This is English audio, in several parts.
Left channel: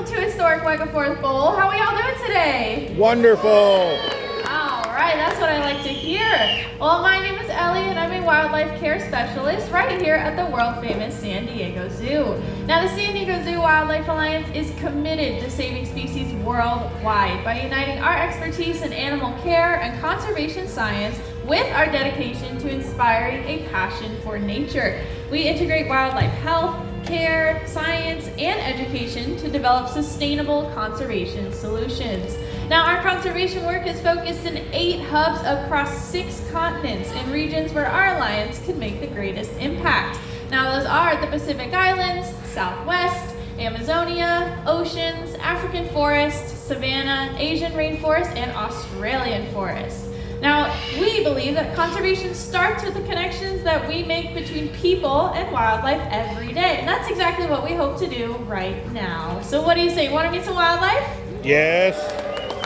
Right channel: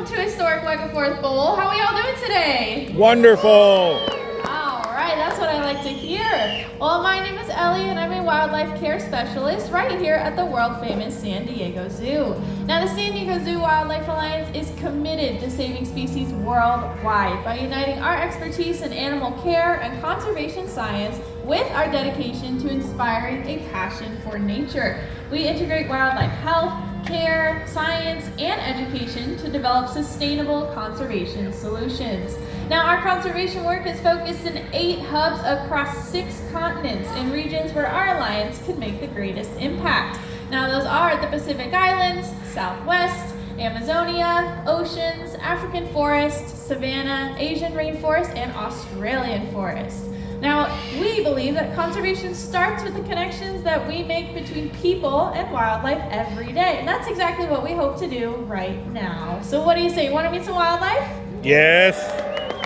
welcome to historic Wegeforth Bowl. How are we all doing today? Wonderful. All right, that's what I like to hear. Well, my name is Ellie, and I'm a wildlife care specialist right here at the world-famous San Diego Zoo. Now, the San Diego Zoo Wildlife Alliance is committed to saving species worldwide by uniting our expertise in animal care and conservation science with our dedication to inspiring a passion for nature. We integrate wildlife health, care, science, and education to develop sustainable conservation solutions. Now, our conservation work is focused in 8 hubs across 6 continents in regions where our alliance can make the greatest impact. Now, those are the Pacific Islands, Southwest, Amazonia, oceans, African forest, savanna, Asian rainforest, and Australian forest. Now, we believe that conservation starts with the connections that we make between people and wildlife every day. And that's exactly what we hope to do right now. So what do you say? Want to meet some wildlife? Yes.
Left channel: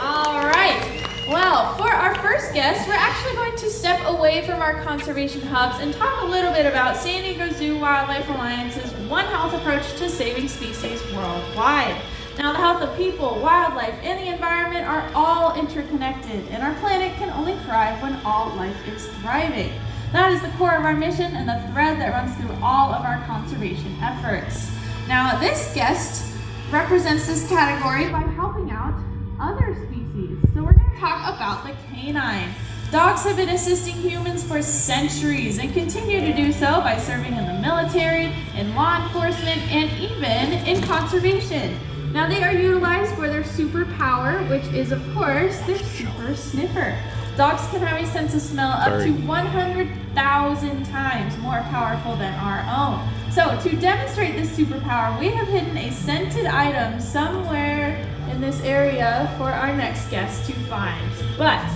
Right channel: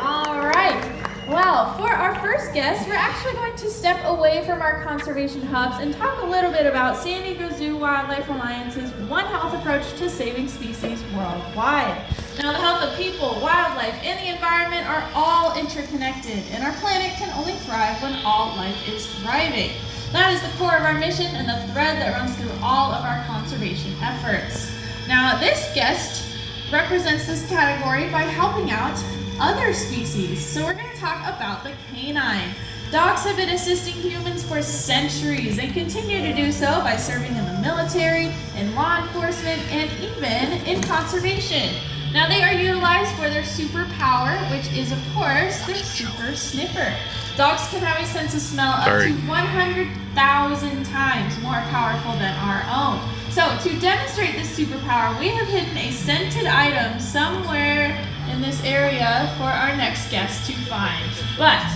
All right. Well, for our first guest, we're actually going to step away from our conservation hubs and talk a little bit about San Diego Zoo Wildlife Alliance's One Health approach to saving species worldwide. Now, the health of people, wildlife, and the environment are all interconnected, and our planet can only thrive when all life is thriving. That is the core of our mission and the thread that runs through all of our conservation efforts. Now, this guest represents this category by helping out other species. So we're going to talk about the canine. Dogs have been assisting humans for centuries and continue to do so by serving in the military, in law enforcement, and even in conservation. Now, they are utilized for their superpower, which is, of course, their super sniffer. Dogs can have a sense of smell up to 100,000 times more powerful than our own. So, to demonstrate this superpower, we have hidden a scented item somewhere in this area for our next guest to find. But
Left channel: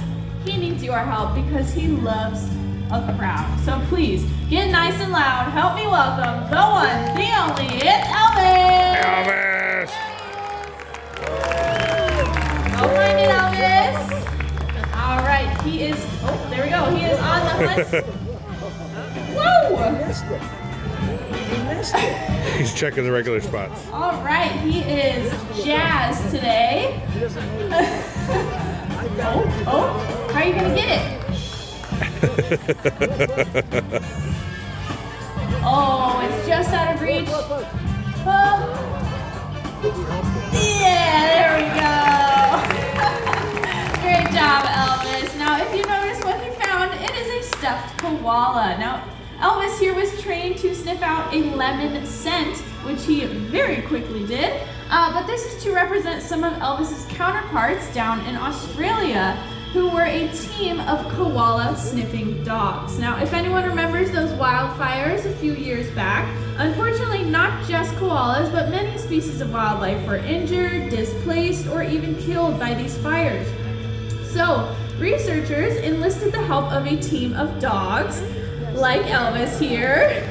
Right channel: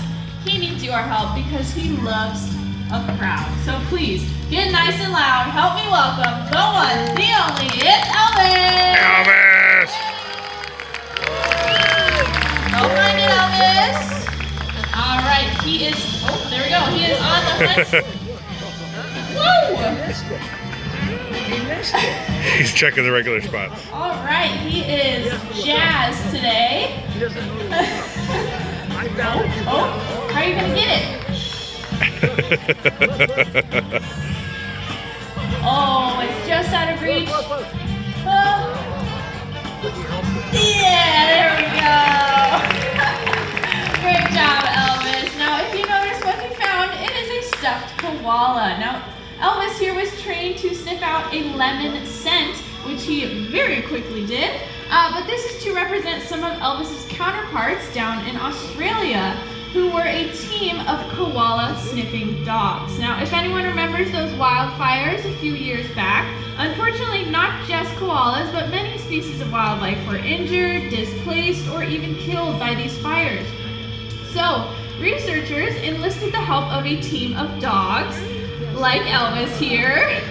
he needs your help because he loves a crowd. So please, get nice and loud. Help me welcome the one, the only, it's Elvis! Elvis! Don't mind it, Elvis. All right, he is, oh, there we go. He is on the hunt. Woo! He's checking the regular spots. All right, he is jazzed today. Oh, how are you going to get it? Oh, it's just out of reach. Yeah, there we go. Great job, Elvis. Now, if you notice what he found, it is a stuffed koala. Now, Elvis here was trained to sniff out a lemon scent, which he very quickly did. But this is to represent some of Elvis's counterparts down in Australia, who were a team of koala sniffing dogs. Now, if anyone remembers those wildfires a few years back, unfortunately not just koalas, but many species of wildlife were injured, displaced, or even killed by these fires. So, researchers enlisted the help of a team of dogs, like Elvis here,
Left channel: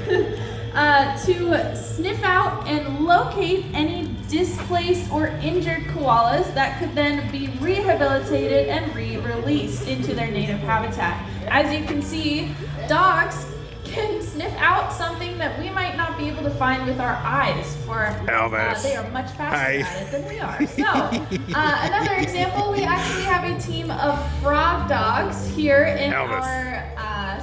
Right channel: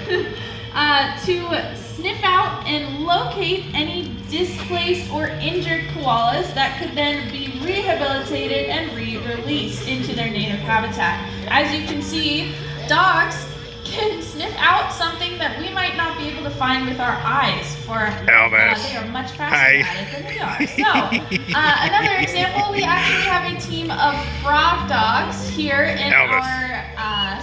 to sniff out and locate any displaced or injured koalas that could then be rehabilitated and re-released into their native habitat. As you can see, dogs can sniff out something that we might not be able to find with our eyes. Elvis. They are much faster at it than we are. So, another example, we actually have a team of frog dogs here in our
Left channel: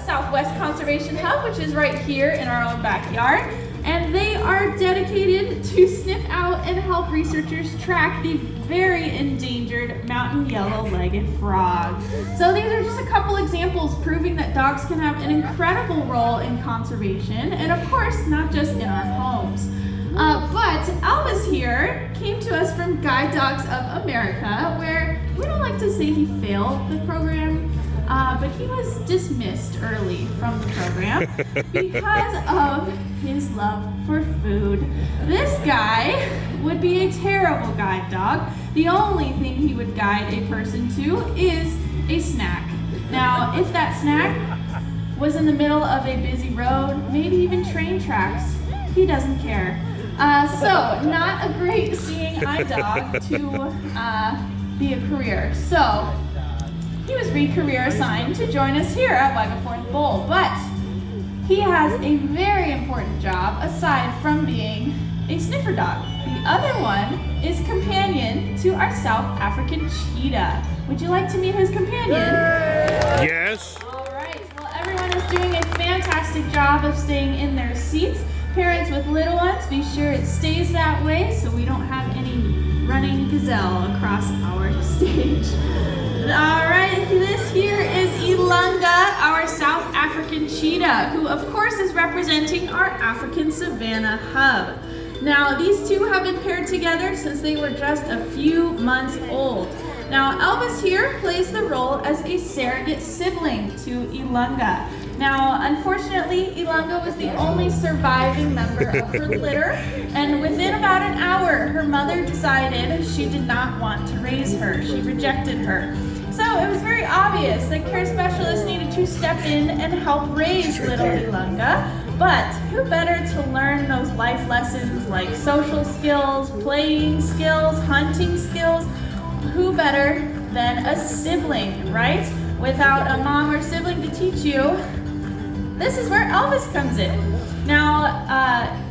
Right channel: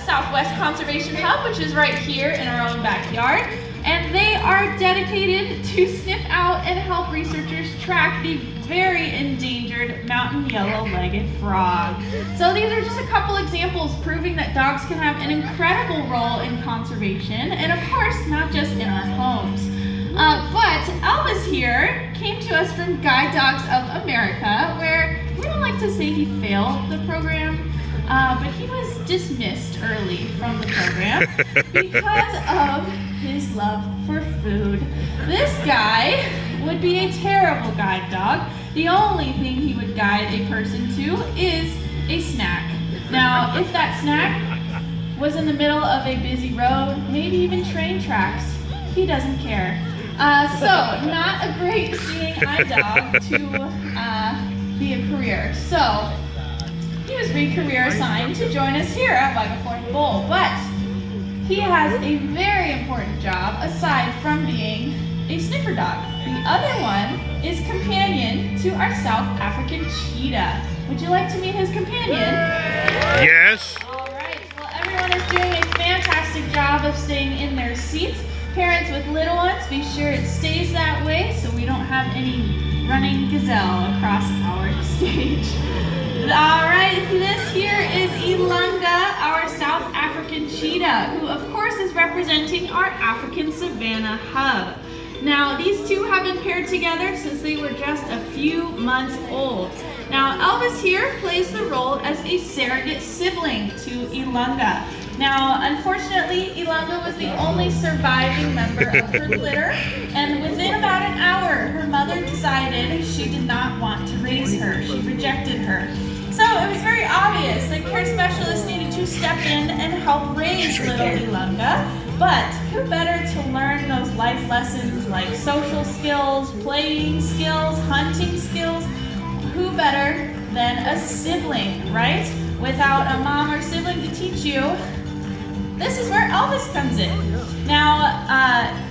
Southwest Conservation Hub, which is right here in our own backyard. And they are dedicated to sniff out and help researchers track the very endangered mountain yellow-legged frog. So these are just a couple examples proving that dogs can have an incredible role in conservation, and of course, not just in our homes. But Elvis here came to us from Guide Dogs of America, where we don't like to say he failed the program, but he was dismissed early from the program because of his love for food. This guy would be a terrible guide dog. The only thing he would guide a person to is a snack. Now, if that snack was in the middle of a busy road, maybe even train tracks, he doesn't care. So, not a great seeing eye dog to be a career. So, he was re-career assigned to join us here at Wegeforth Bowl, but he has a very important job aside from being a a sniffer dog. The other one is companion to our South African cheetah. Would you like to meet his companion? Yes. All right. Well, everyone is doing a fantastic job of staying in their seats. Parents with little ones, be sure it stays that way so we don't have any running gazelle across our stage. All right, this here is Ilangha, our South African cheetah, who of course is representing our African Savannah hub. Now, these two have been paired together since they were just a few months old. Now, Elvis here plays the role as a surrogate sibling to Ilangha. Now, unfortunately, Ilangha was the only surviving member of her litter, and within about an hour, her mother decided she did not want to raise her. She rejected her. So it was very obvious that care specialists needed to step in and help raise little Ilangha. But who better to learn those life lessons like social skills, playing skills, hunting skills? Who better than a sibling, right? Without a mom or sibling to teach you, this is where Elvis comes in. Now,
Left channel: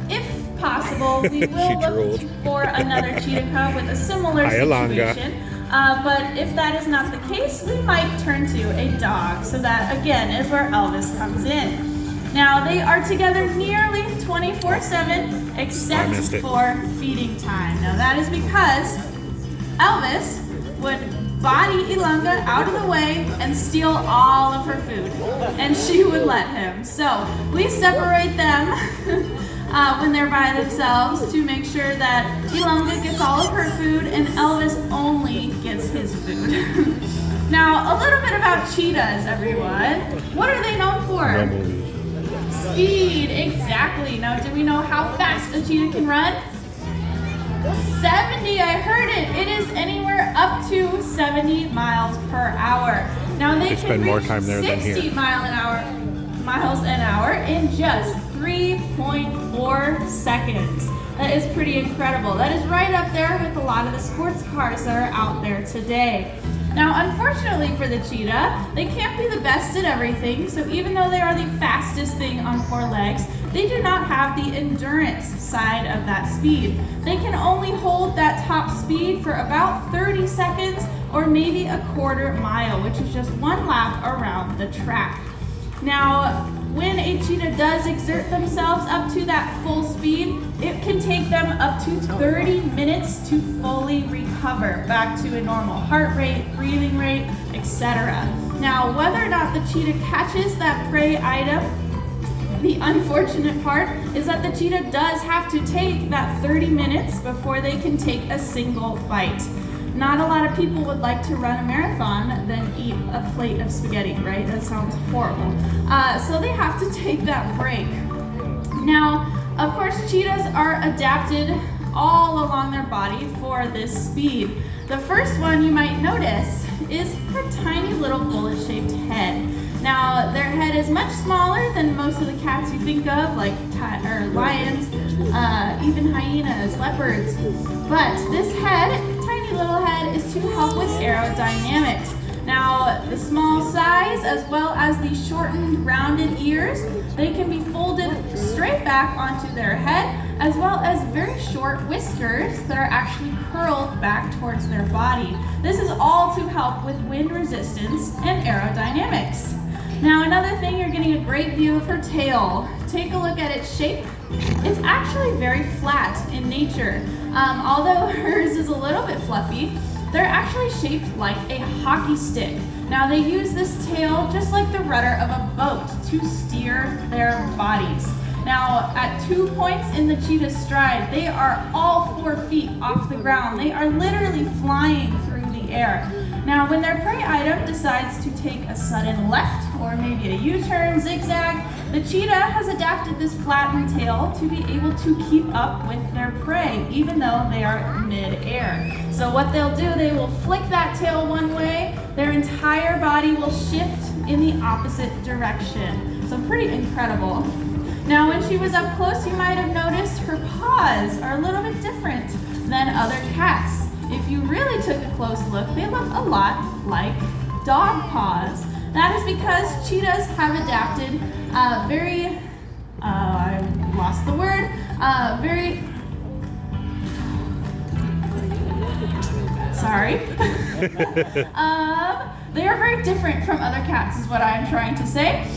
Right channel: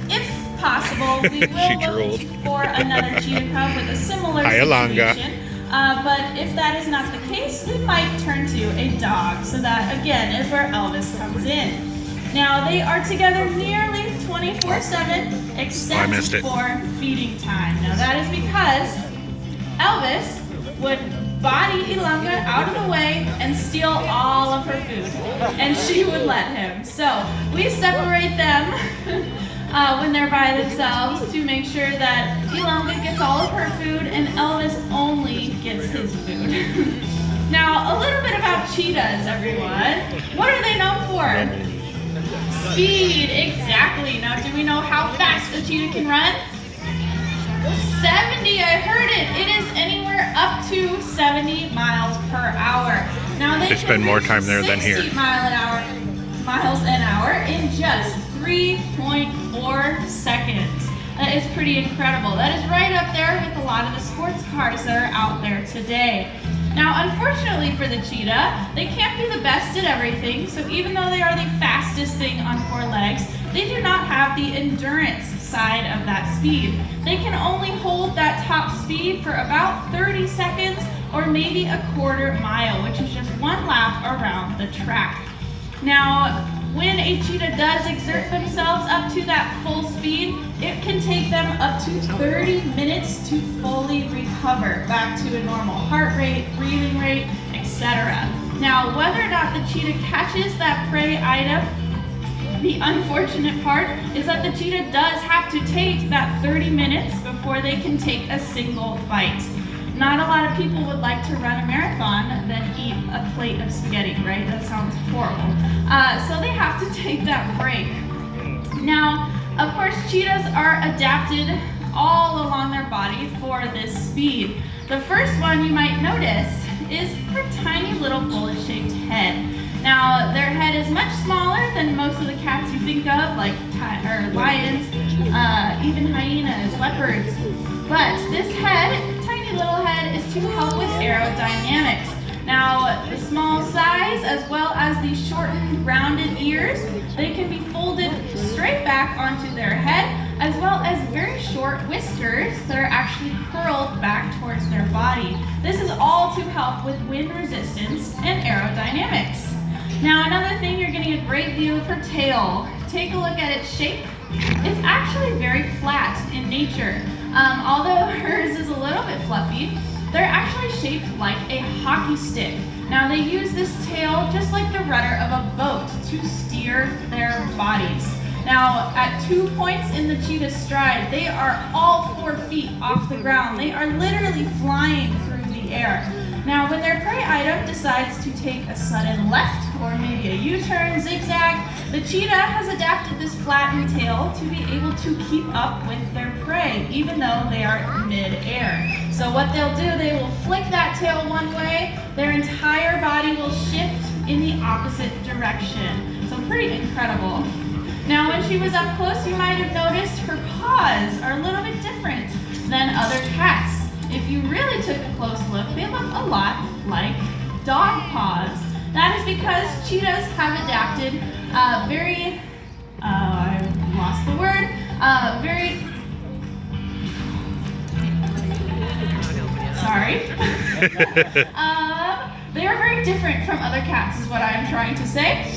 if possible, we will look for another cheetah cub with a similar situation. But if that is not the case, we might turn to a dog. So that, again, is where Elvis comes in. Now, they are together nearly 24/7, except for feeding time. Now, that is because Elvis would body Ilangha out of the way and steal all of her food, and she would let him. So we separate them when they're by themselves to make sure that Ilangha gets all of her food and Elvis only gets his food. Now, a little bit about cheetahs, everyone. What are they known for? Speed, exactly. Now, do we know how fast a cheetah can run? 70, I heard it. It is anywhere up to 70 miles per hour. Now they spend more time there than here. 60 miles an hour in just 3.4 seconds. That is pretty incredible. That is right up there with a lot of the sports cars that are out there today. Now, unfortunately for the cheetah, they can't be the best at everything, so even though they are the fastest thing on four legs, they do not have the endurance side of that speed. They can only hold that top speed for about 30 seconds or maybe a quarter mile, which is just one lap around the track. Now, when a cheetah does exert themselves up to that full speed, it can take them up to 30 minutes to fully recover back to a normal heart rate, breathing rate, etc. Now, whether or not the cheetah catches that prey item, the unfortunate part is that the cheetah does have to take that 30 minutes before they can take a single bite. Not a lot of people would like to run a marathon than eat a plate of spaghetti, right? That sounds horrible. So they have to take that break. Now, of course, cheetahs are adapted all along their body for this speed. The first one you might notice is her tiny little bullet-shaped head. Now, their head is much smaller than most of the cats you think of, like lions, even hyenas, leopards. But this head, tiny little head, is to help with aerodynamics. Now, the small size as well as the shortened, rounded ears, they can be folded straight back onto their head, as well as very short whiskers that are actually curled back towards their body. This is all to help with wind resistance and aerodynamics. Now, another thing, you're getting a great view of her tail. Take a look at its shape. It's actually very flat in nature. Although hers is a little bit fluffy, they're actually shaped like a hockey stick. Now, they use this tail just like the rudder of a boat to steer their bodies. Now, at 2 points in the cheetah's stride, they are all 4 feet off the ground. They are literally flying through the air. Now, when their prey item decides to take a sudden left or maybe a U-turn, zigzag, the cheetah has adapted this flattened tail to be able to keep up with their prey, even though they are mid-air. So what they'll do, they will flick that tail one way, their entire body will shift in the opposite direction. So pretty incredible. Now, when she was up close, you might have noticed her paws are a little bit different than other cats. If you really took a close look, they look a lot like dog paws. That is because cheetahs have adapted very sorry. They are very different from other cats is what I'm trying to say.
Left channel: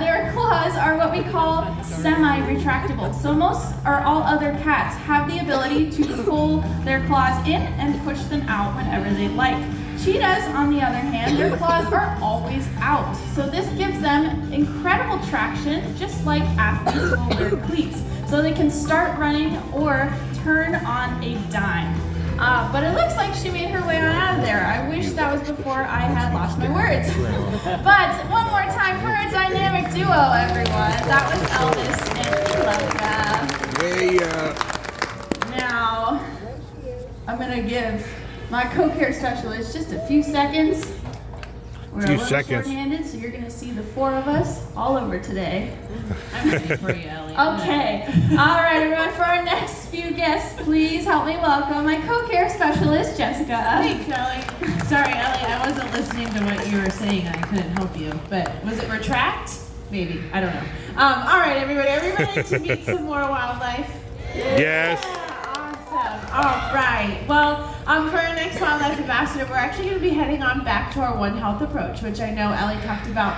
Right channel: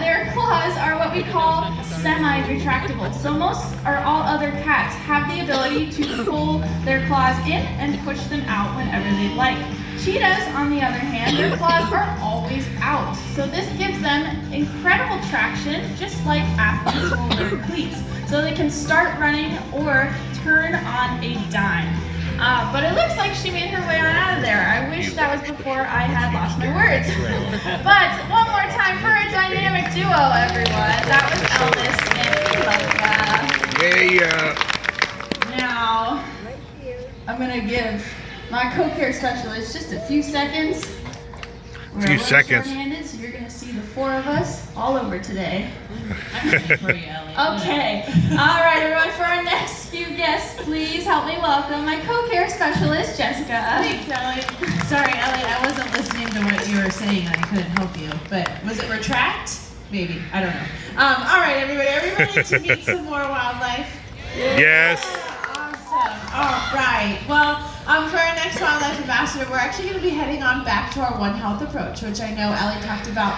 Their claws are what we call semi-retractable. So most or all other cats have the ability to pull their claws in and push them out whenever they like. Cheetahs, on the other hand, their claws are always out. So this gives them incredible traction, just like athletes will wear cleats. So they can start running or turn on a dime. But it looks like she made her way on out of there. I wish that was before I had lost my words. But one more time for a dynamic duo, everyone. That was Elvis and Ilangha. Yeah. Now, I'm going to give my co-care specialist just a few seconds. We're a little short-handed, so you're going to see the four of us all over today. I'm ready for you, Ellie. Okay. All right, everyone, for our next few guests, please help me welcome my co-care specialist, Jessica. Thanks, Ellie. Sorry, Ellie, I wasn't listening to what you were saying. I couldn't help you. But was it retract? Maybe. I don't know. All right, everybody. Are we ready to meet some more wildlife? Yes. Awesome. All right. Well, for our next wildlife ambassador, we're actually going to be heading on back to our One Health approach, which I know Ellie talked about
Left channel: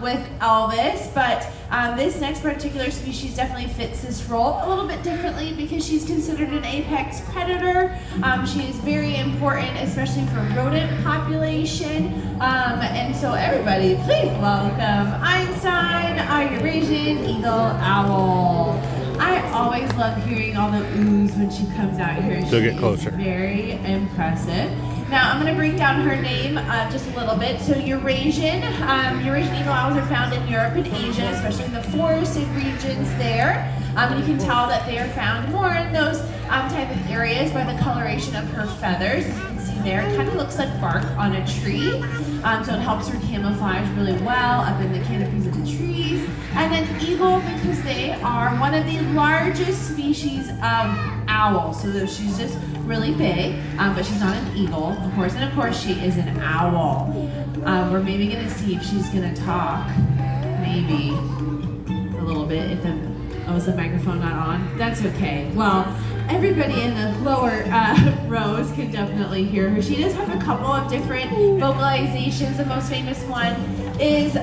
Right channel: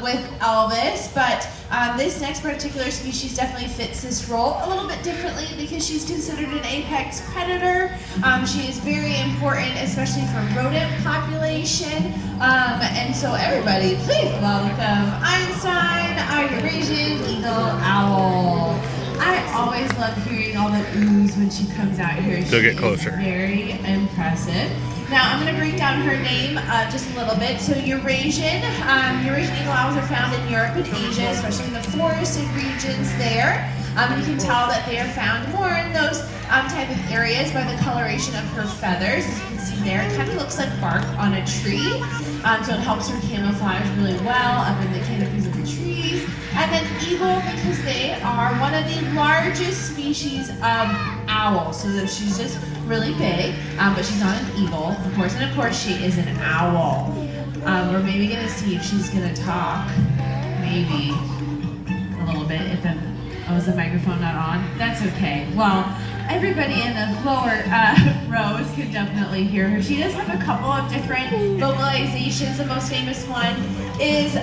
with Elvis. But this next particular species definitely fits this role a little bit differently because she's considered an apex predator. She is very important, especially for rodent population. And so everybody, please welcome Einstein, Eurasian eagle owl. I always love hearing all the oohs when she comes out here. She'll get closer. Very impressive. Now I'm going to break down her name just a little bit. So Eurasian eagle owls are found in Europe and Asia, especially in the forested regions there. You can tell that they are found more in those type of areas by the coloration of her feathers. As you can see there, it kind of looks like bark on a tree. So it helps her camouflage really well up in the canopies of the trees. And then eagle, because they are one of the largest species of owl. So that she's just really big, but she's not an eagle, of course. And of course, she is an owl. We're maybe going to see if she's going to talk. Maybe a little bit. If was the microphone not on? That's okay. Well, everybody in the lower rows can definitely hear her. She does have a couple of different vocalizations. The most famous one is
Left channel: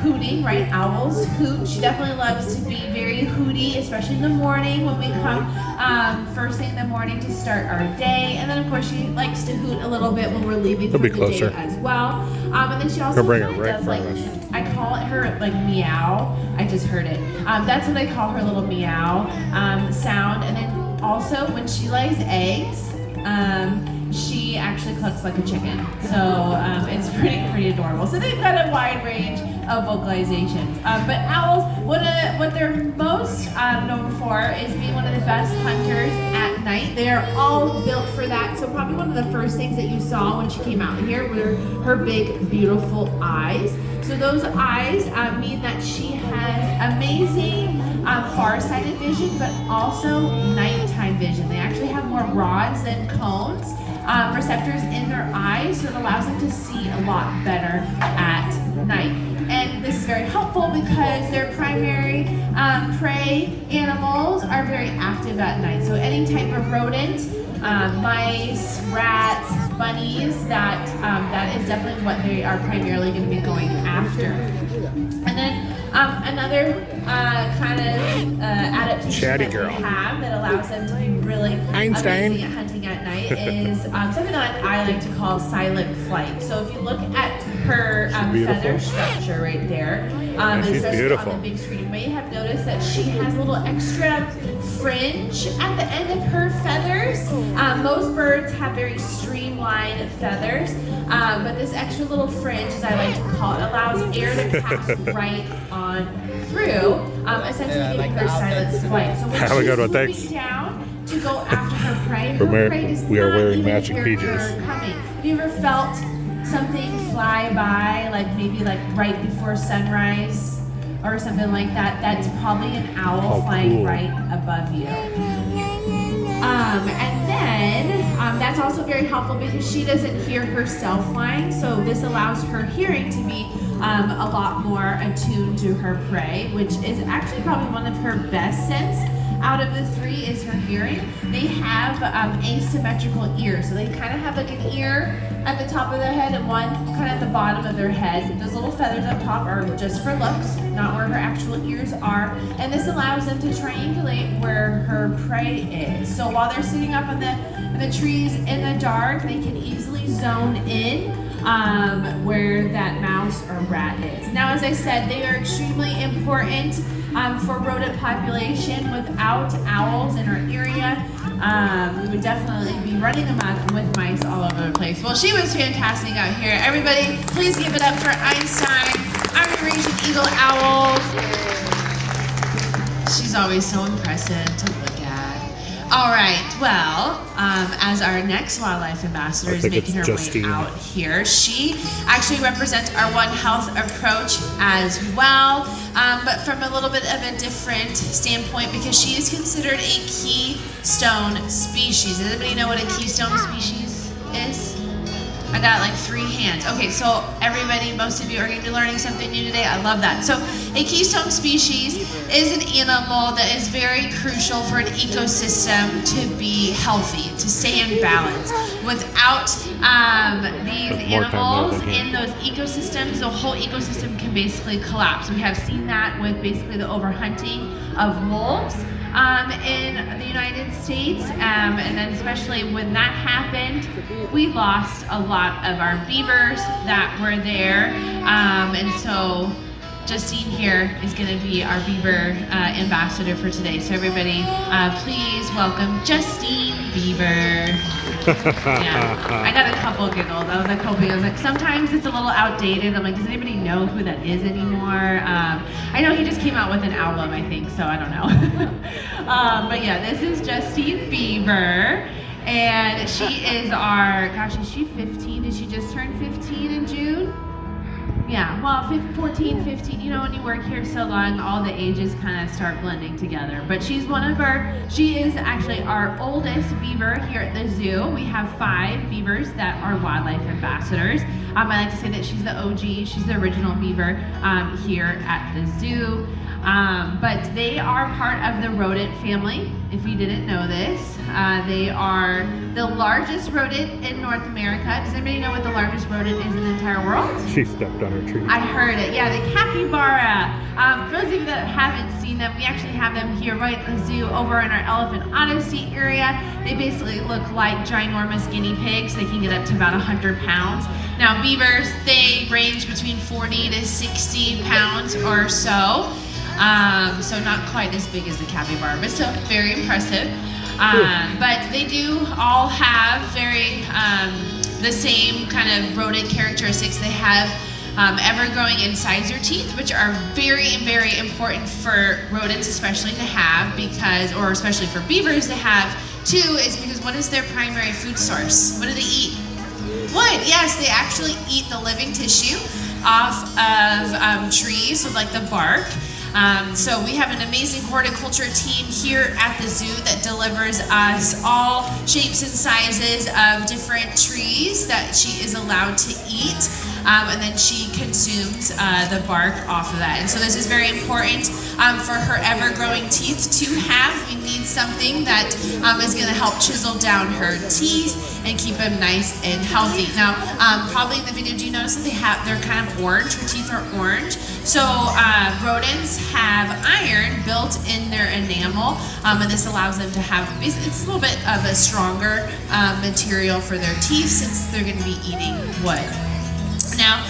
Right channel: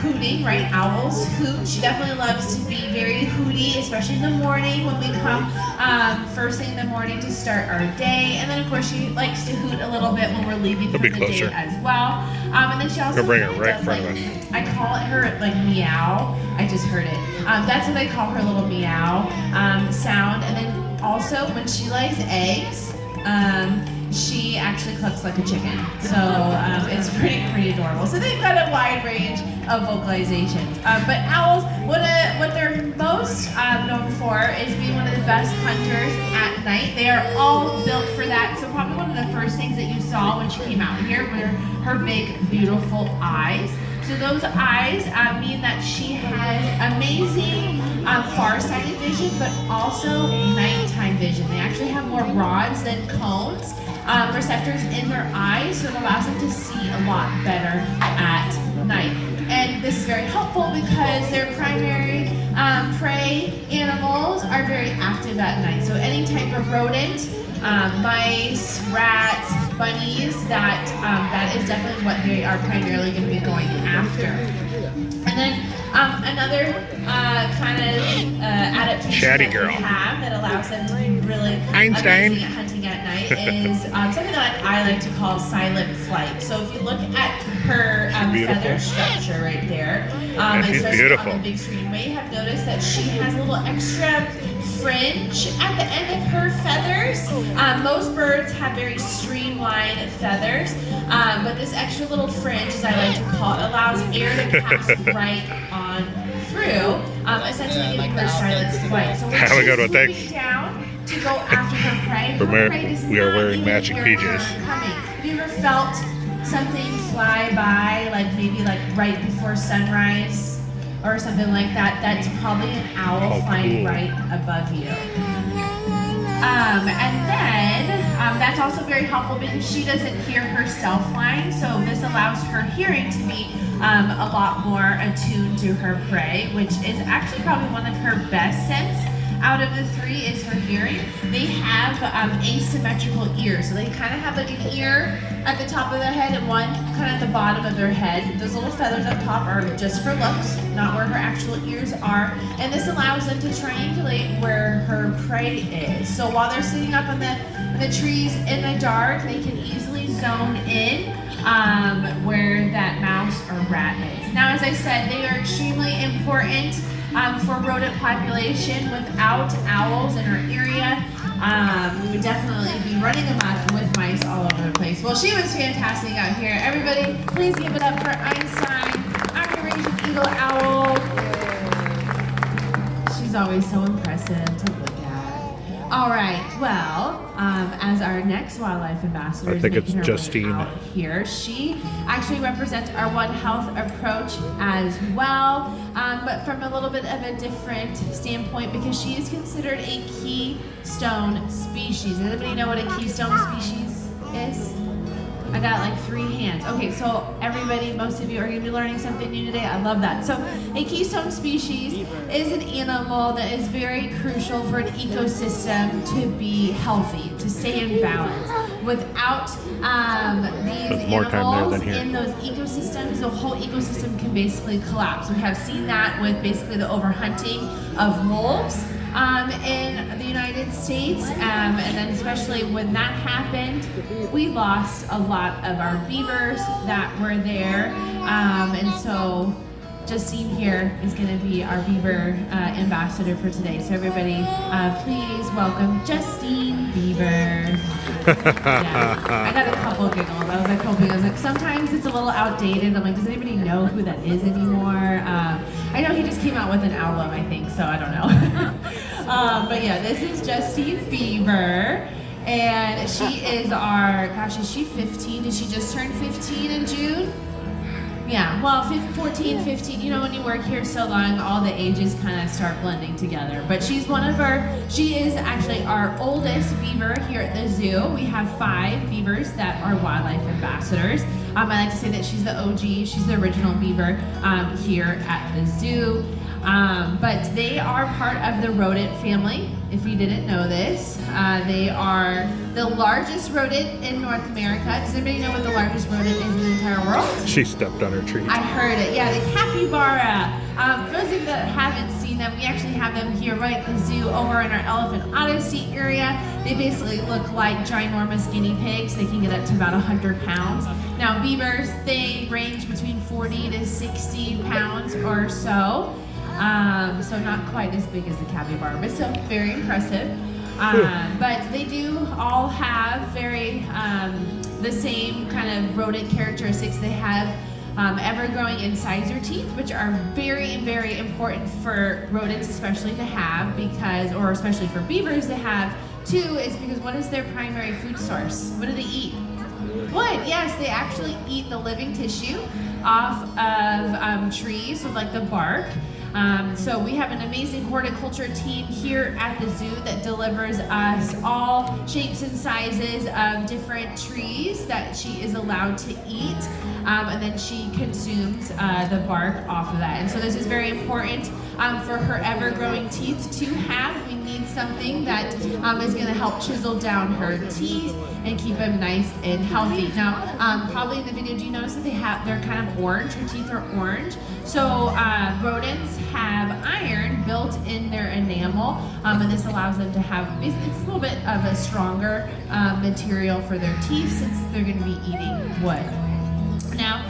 hooting, right? Owls hoot. She definitely loves to be very hooty, especially in the morning when we come first thing in the morning to start our day. And then, of course, she likes to hoot a little bit when we're leaving for the day as well. And then she also bring it right in front of us. I call it her like meow. I just heard it. That's what I call her little meow sound. And then also, when she lays eggs, she actually clucks like a chicken. So it's pretty adorable. So they've got a wide range of vocalizations. But owls, what they're most known for is being one of the best hunters at night. They are all built for that. So probably one of the first things that you saw when she came out here were her big, beautiful eyes. So those eyes mean that she has amazing far-sighted vision, but also nighttime vision. They actually have more rods than cones, receptors in their eyes, so it allows them to see a lot better at night. And this is very helpful because their primary prey animals are very active at night. So any type of rodent, mice, rats, bunnies, that is definitely what they are primarily going to be going after. And then another kind of adaptation that they have that allows them to be really Einstein. amazing at hunting at night is something that I like to call silent flight. So if you look at her feather structure right there, especially beautiful. on the big screen, you may have noticed that she has a little extra fringe at the end of her feathers. Most birds have very streamlined feathers, but this extra little fringe, as I like to call it, allows air to pass right on through, essentially giving her silent flight. So when Have a good one, she's moving thanks. down to go after her prey, her prey does We are not wearing even matching hear her PJs. coming. Have you ever felt something fly by, like maybe like right before sunrise or something like that? That's probably an owl flying right above you. And then that's also very helpful because she doesn't hear herself flying, so this allows her hearing to be a lot more attuned to her prey, which is actually probably one of her best scents out of the three is her hearing. They have asymmetrical ears. So they kind of have like an ear at the top of their head and one kind of at the bottom of their head. Those little feathers up top are just for looks, not where her actual ears are. And this allows them to triangulate where her prey is. So while they're sitting up on the trees in the dark, they can easily zone in where that mouse or rat is. Now, as I said, they are extremely important for rodent population. Without owls in our area, we would definitely be running amok with mice all over the place. Well, she was fantastic out here. Everybody, please give it up for Einstein, our Eurasian eagle owl. She's always so impressive to look at. All right, well, as our next wildlife ambassador is making her way out here, she actually represents our One Health approach as well, but from a little bit of a different standpoint because she is considered a keystone species. Does anybody know what a keystone species is? I got like 3 hands. Okay, so everybody, most of you are going to be learning something new today. I love that. So a keystone species is an animal that is very crucial for an ecosystem to be healthy, to stay in balance. Without these animals in those ecosystems, the whole ecosystem can basically collapse. We have seen that with basically the overhunting of wolves in the United States, and then especially when that happened, we lost a lot of our beavers that were there, and so Justine here is going to be our beaver ambassador for today. So everybody, please welcome Justine Beaver. Yeah, I got a couple giggles. I was like hoping, sometimes it's a little outdated. I'm like, does anybody know who that is anymore? I know he just came out with an album, I think, so I don't know. But yeah, this is Justine Beaver. And she is our, gosh, is she 15? Did she just turn 15 in June? Yeah, well, 14, 15, you know, when you work here so long, all the ages kind of start blending together. But she's she is actually our oldest beaver here at the zoo. We have 5 beavers that are wildlife ambassadors. I like to say that she's the OG, she's the original beaver here at the zoo. But they are part of the rodent family, if you didn't know this. They are the largest rodent in North America. Does anybody know what the largest rodent is in the entire world? She stepped on her tree. I heard it. Yeah, the capybara. For those of you that haven't seen them, we actually have them here right at the zoo over in our Elephant Odyssey area. They basically look like ginormous guinea pigs. They can get up to about 100 pounds. Now, beavers, they range between 40 to 60 pounds or so. So not quite as big as the capybara, but still very impressive. But they do all have very the same kind of rodent characteristics. They have ever-growing incisor teeth, which are very, very important for rodents especially to have or especially for beavers to have too, is because what is their primary food source? What do they eat? Wood. Yes, they actually eat the living tissue off of trees, so like the bark. So we have an amazing horticulture team here at the zoo that delivers us all shapes and sizes of different trees that she is allowed to eat, and then she consumes the bark off of that. And so this is very important for her ever-growing teeth to have. We need something that is going to help chisel down her teeth and keep them nice and healthy. Now, probably in the video, do you notice that they're kind of orange? Her teeth are orange. So rodents have iron built in their enamel, and this allows them to have, it's a little bit of a stronger material for their teeth since they're going to be eating wood. Now,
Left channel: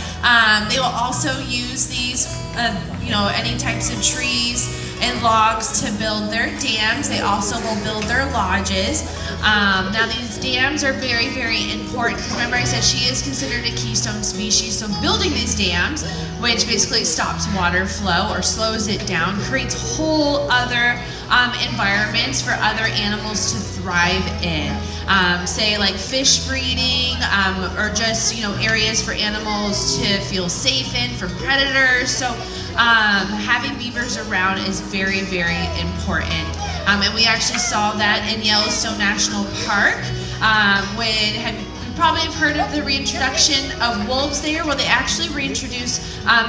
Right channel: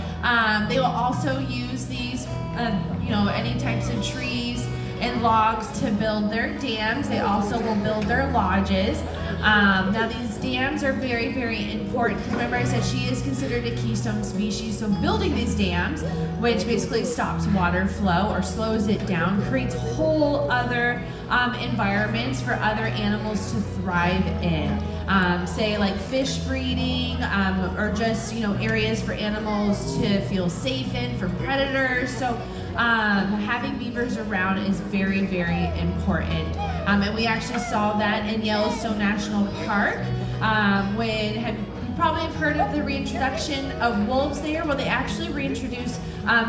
they will also use these, any types of trees and logs to build their dams. They also will build their lodges. Now these dams are very, very important because remember I said she is considered a keystone species. So building these dams, which basically stops water flow or slows it down, creates whole other environments for other animals to thrive in. Say like fish breeding, or just areas for animals to feel safe in from predators. So having beavers around is very, very important. And we actually saw that in Yellowstone National Park. When probably have heard of the reintroduction of wolves there. Well, they actually reintroduced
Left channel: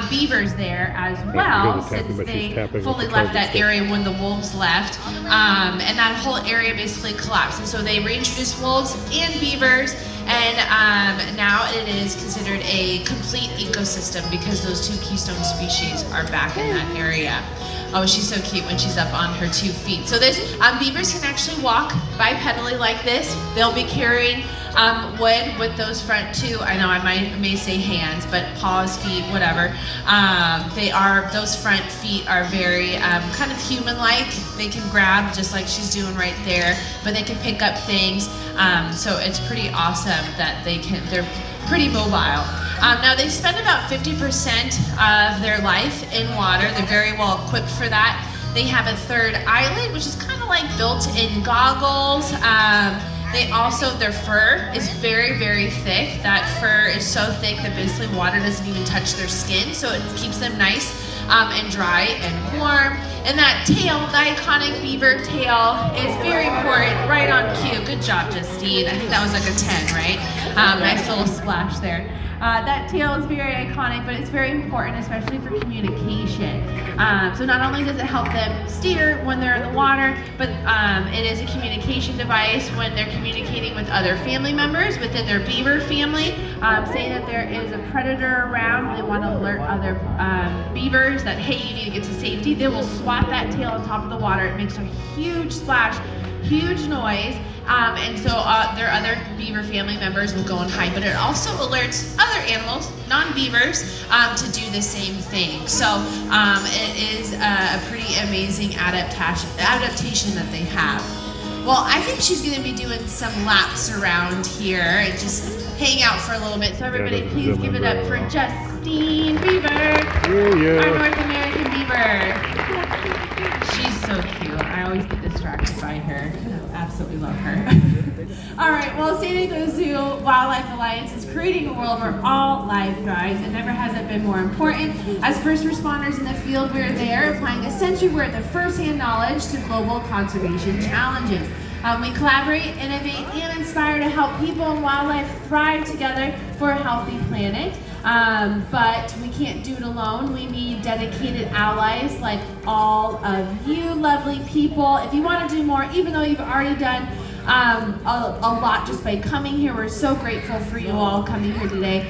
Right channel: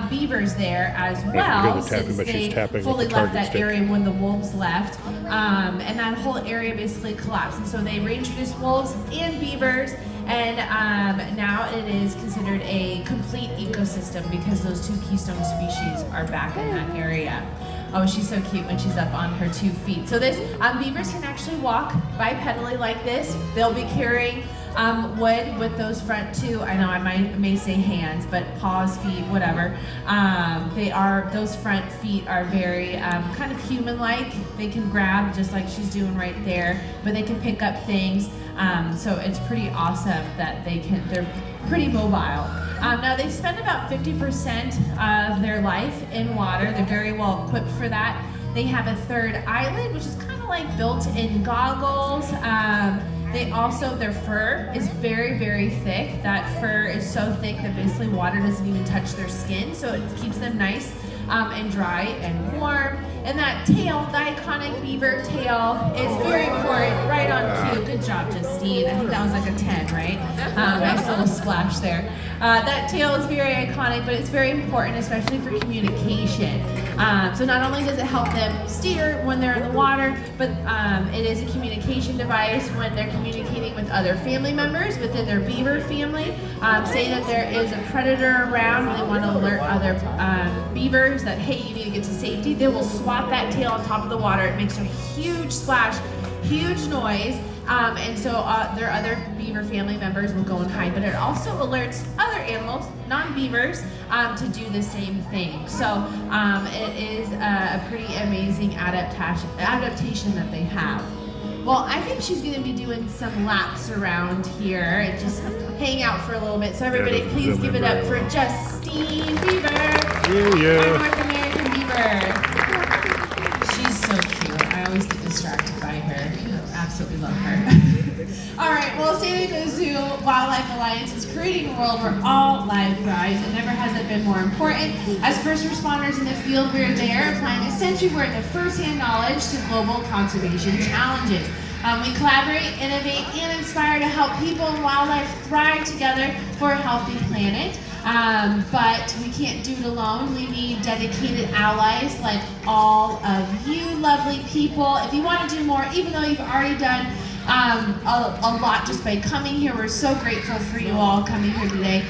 beavers there as I well, hear the tapping, since but she's they tapping with fully the left target that stick. area when the wolves left, and that whole area basically collapsed. And so they reintroduced wolves and beavers, and now it is considered a complete ecosystem because those 2 keystone species are back in that area. Oh, she's so cute when she's up on her 2 feet. So this beavers can actually walk bipedally like this. They'll be carrying wood with those front 2. I know I may say hands, but paws, feet, whatever. Those front feet are very kind of human-like. They can grab just like she's doing right there, but they can pick up things. So it's pretty awesome that they're pretty mobile. Now they spend about 50% of their life in water. They're very well equipped for that. They have a 3rd eyelid, which is kind of like built-in goggles. Their fur is very, very thick. That fur is so thick that basically water doesn't even touch their skin, so it keeps them nice and dry and warm. And that tail, the iconic beaver tail, is very important, right on cue. Good job, Justine. I think that was like a 10, right? Nice little splash there. That tail is very iconic, but it's very important, especially for communication. So not only does it help them steer when they're in the water, but it is a communication device when they're communicating with other family members within their beaver family. Say that there is a predator around and they want to alert other beavers that, hey, you need to get to safety. They will swat that tail on top of the water. It makes a huge splash, huge noise. And so their other beaver family members will go and hide, but it also alerts other animals, non-beavers, to do the same thing. So it is a pretty amazing adaptation that they have. Well, I think she's going to be doing some laps around here and just hang out for a little bit. So everybody, please give it up for Justine Beaver, our North American beaver. She's so cute. I always get distracted by her. I absolutely love her. All right, well, San Diego Zoo Wildlife Alliance is creating a world where all life thrives, and never has it been more important. As first responders in the field, we're there applying a century worth of first-hand knowledge to global conservation challenges. We collaborate, innovate, and inspire to help people and wildlife thrive together for a healthy planet. But we can't do it alone. We need dedicated allies like all of you lovely people. If you want to do more, even though you've already done a lot just by coming here, we're so grateful for you all coming here today.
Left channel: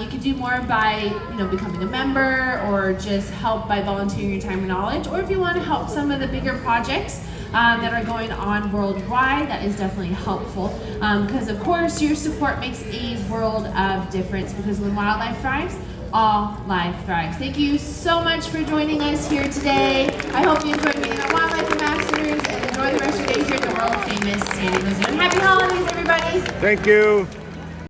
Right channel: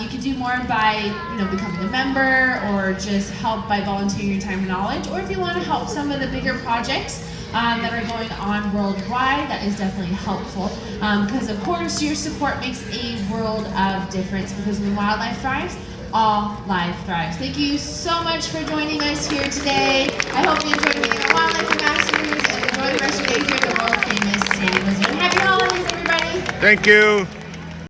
You can do more by becoming a member, or just help by volunteering your time and knowledge. Or if you want to help some of the bigger projects that are going on worldwide, that is definitely helpful, because of course your support makes a world of difference, because when wildlife thrives, all life thrives. Thank you so much for joining us here today. I hope you enjoyed meeting our wildlife ambassadors, and enjoy the rest of the day here at the world famous San Diego Zoo. And happy holidays, everybody! Thank you.